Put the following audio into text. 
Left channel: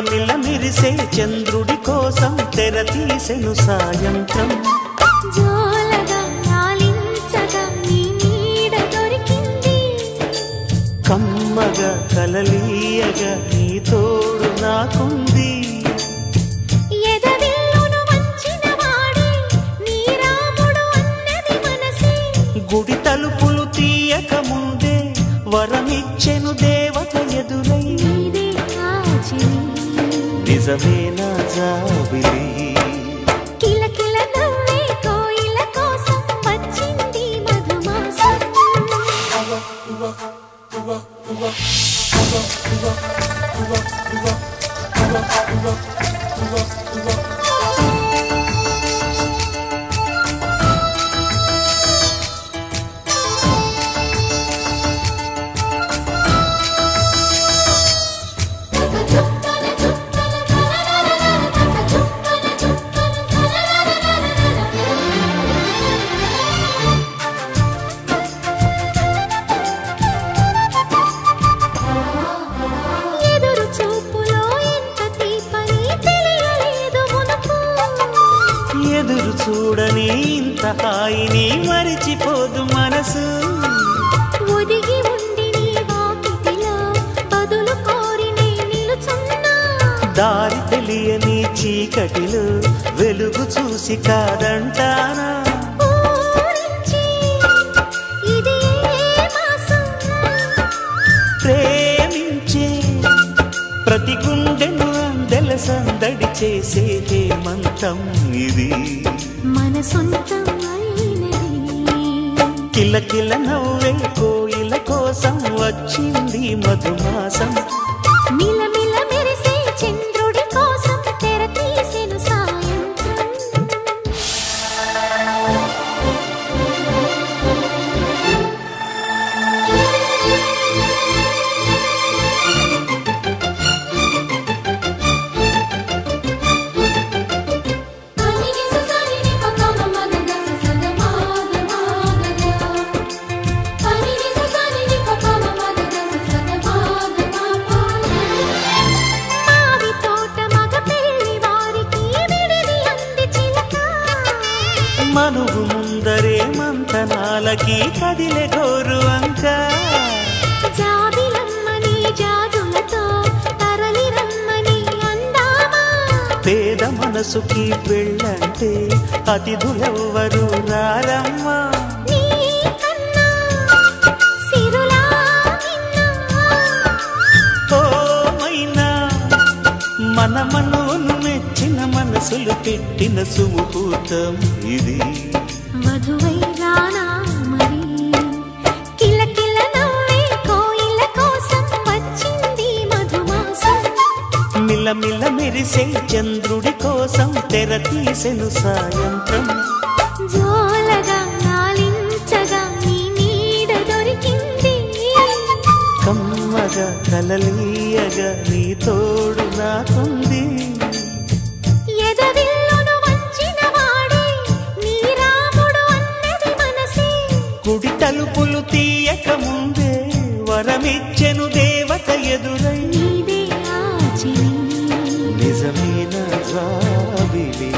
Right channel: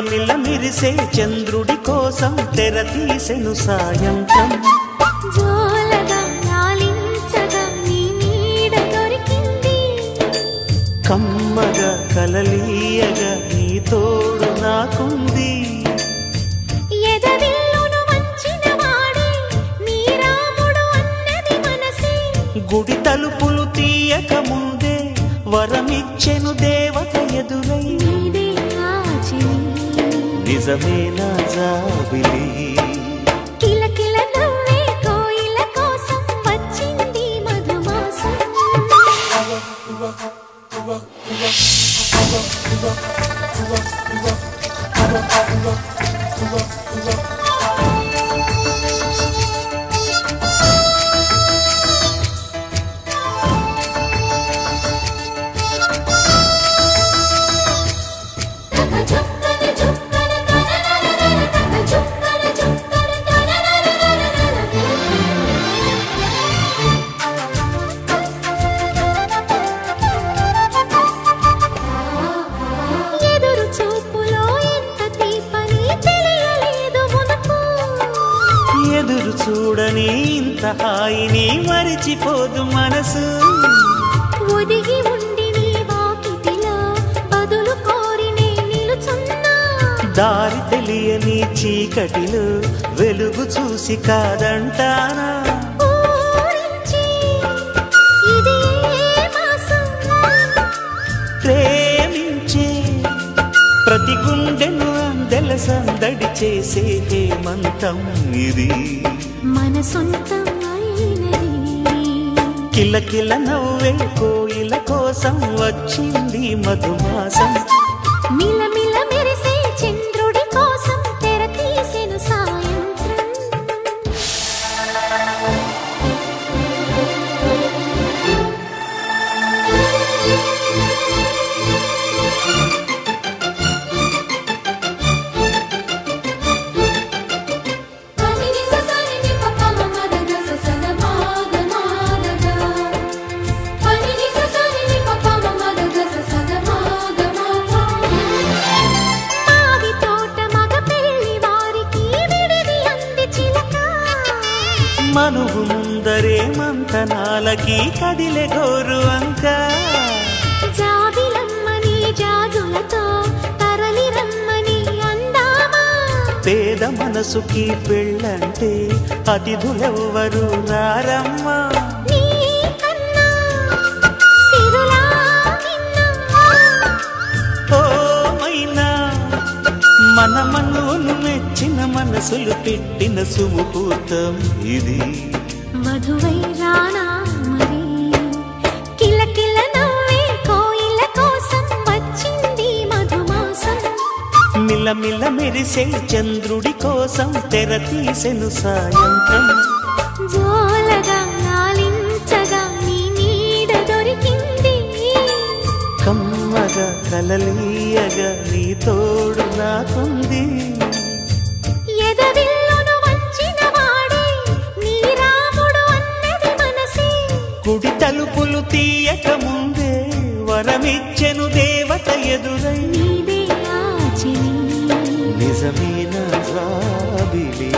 మిలమిల మెరిసే చంద్రుడి కోసం తెర తీసెను సాయంత్రం జోలగా లాలించగా నీ నీడ దొరికింది కమ్మగా కలలీయగా నీ తోడు నాకుంది ఎదవిల్లును వంచిన వాడే నీ రాముడు అన్నది మనసే గుడి తలుపులు తీయక ముందే వరమిచ్చెను దేవత ఎదురై నీదే ఆచని నిజమేనా జాబిలి కిలకిల నవ్వే కోయిల కోసం వచ్చింది మధుమాసం ఎదురు చూడని ఇంత హాయిని మరిచిపోదు మనసు ఒదిగి ఉండి నీ వాకిటిలో బదులు కోరి నే నిలుచున్నా దారి తెలియని చీకటిలో వెలుగు చూసి కాదంటానా ఊరించి ఇది ఏ మాసం ప్రేమించే ప్రతి గుండెను అందెల సందడి చేసే హేమంతం ఇది మన సొంతం అయినది కిలకిల నవ్వే కోయిల కోసం వచ్చింది మధుమాసం మిలమిల మెరిసే చంద్రుడి కోసం తెర తీసెను సాయంత్రం మనువు ముందరే మంతనాలకి కదిలే గోరు అంక జాబిలమ్మని జాజులతో తరలి రమ్మని అందామా పేద మనసుకి పెళ్ళంటే అతిథులెవ్వరు రారమ్మా నీ కన్నా సిరులా నిన్నా ఓ మైనా మన మనువును మెచ్చిన మనసులు పెట్టిన సుముహూర్తం ఇది వధువై రానా మరి కిలకిల నవ్వే కోయిల కోసం వచ్చింది మధుమాసం మిలమిల మెరిసే చంద్రుడి కోసం తెర తీసెను సాయంత్రం జోలగా లాలించగా నీ నీడ దొరికింది కమ్మగా కలలీయగా నీ తోడు నాకుంది ఎదవిల్లును వంచిన వాడే నీ రాముడు అన్నది మనసే గుడి తలుపులు తీయక ముందే వరమిచ్చెను దేవత ఎదురై నీదే ఆచని నిజమేనా జాబిలి